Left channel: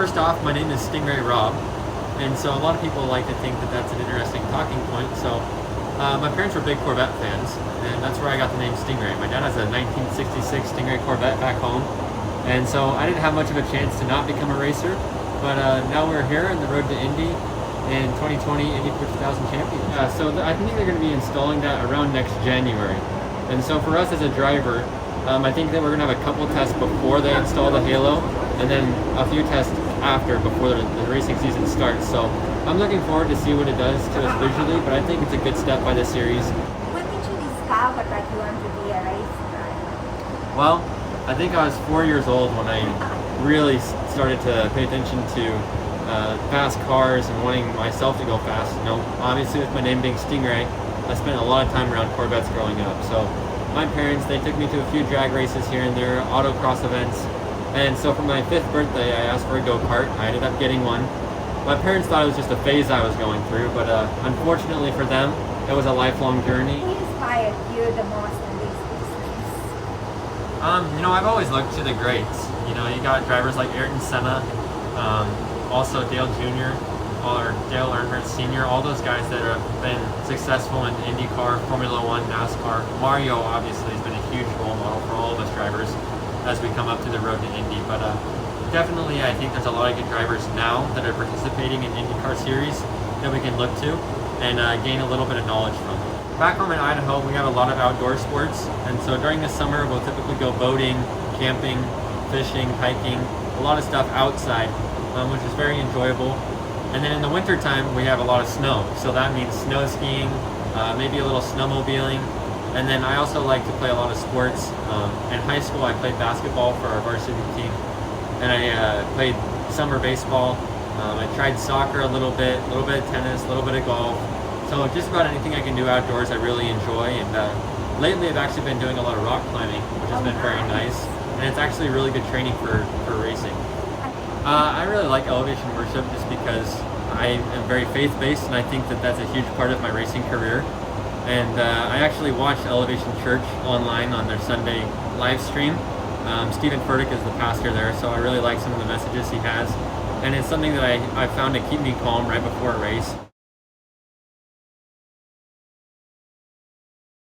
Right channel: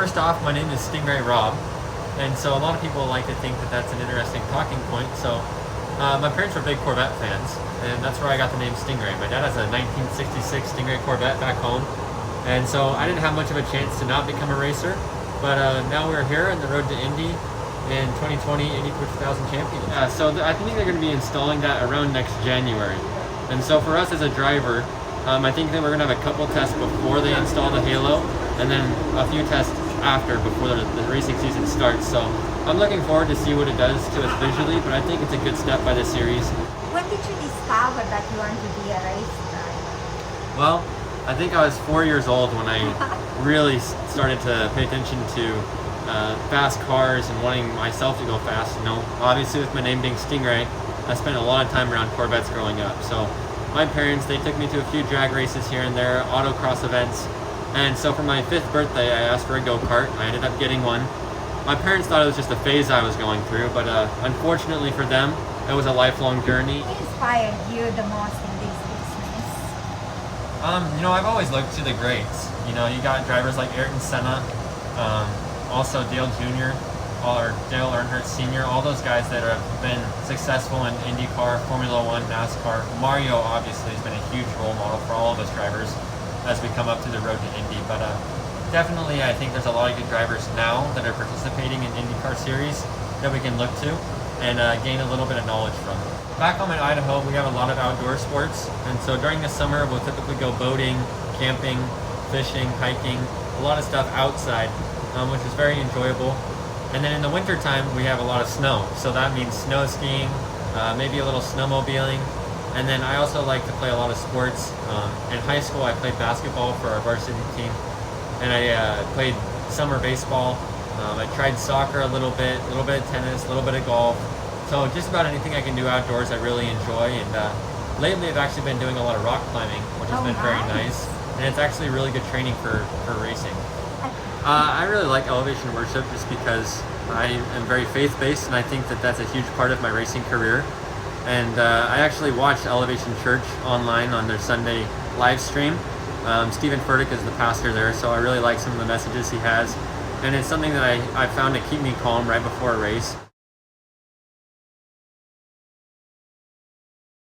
First off, my name is Stingray Robb, and so a lot of people like to think that that's an interesting talking point. So my parents were big Corvette fans, and that's where I got the name Stingray. My dad has a 1966 Stingray Corvette back home, and so I didn't have much of a chance to not become a racer, but now we're here on the road to Indy in 2020 Indy Pro 2000 champion. I think they're going to be installing that around next January, and so for us as a driver, I think that we're going to have a couple tests before they install the halo, and then a few tests after, before the racing season starts. So I'm looking forward to see what it does to us visually, but I think it's a good step by the series. When did you discover that you want to be a race driver? Well, I think I was 4 years old when I really started to pay attention to fast cars and wanting myself to go fast. You know, obviously with my name being Stingray, I spent a lot of time around Corvettes growing up. So my parents, they took me to a few drag races here and there, autocross events. And so for my 5th birthday, I asked for a go-kart. I ended up getting one. My parents thought it was just a phase I was going through, but unfortunately for them, it was a lifelong journey. Who inspired you the most in this business? You know, I've always looked to the greats. You know, you got drivers like Ayrton Senna, also Dale Jr., or Dale Earnhardt Sr., all those guys that have been successful in IndyCar, Formula One, NASCAR. Mario obviously has been a huge role model for all of us drivers as we come up to the road to Indy, but definitely I think there's a lot of good drivers now that are participating in Indy Car Series that we can look to and gain a little bit of knowledge from. Back home in Idaho, we have a lot of outdoor sports, and so during the summer we'll typically go boating, camping, fishing, hiking, a lot of stuff outside, which is very enjoyable. And then in the winter time we have a lot of snow, so that means snow skiing, maybe a little snowmobiling. And then I also like to play a lot of sports. In high school I played basketball for our varsity team, and I played summer baseball. I tried soccer a little bit of tennis, a little bit of golf. So just about anything I can do outdoors I really enjoy, and lately I've actually been doing a lot of rock climbing, which has been very nice, and it's actually really good training for racing. I really like elevation worship just because I am very faith-based, and I think that that's a huge part of my racing career. And I actually watched Elevation Church online on their Sunday live stream. Stephen Furtick is the pastor there, so I really like some of the messages he has. And it's something that I found to keep me calm right before a race.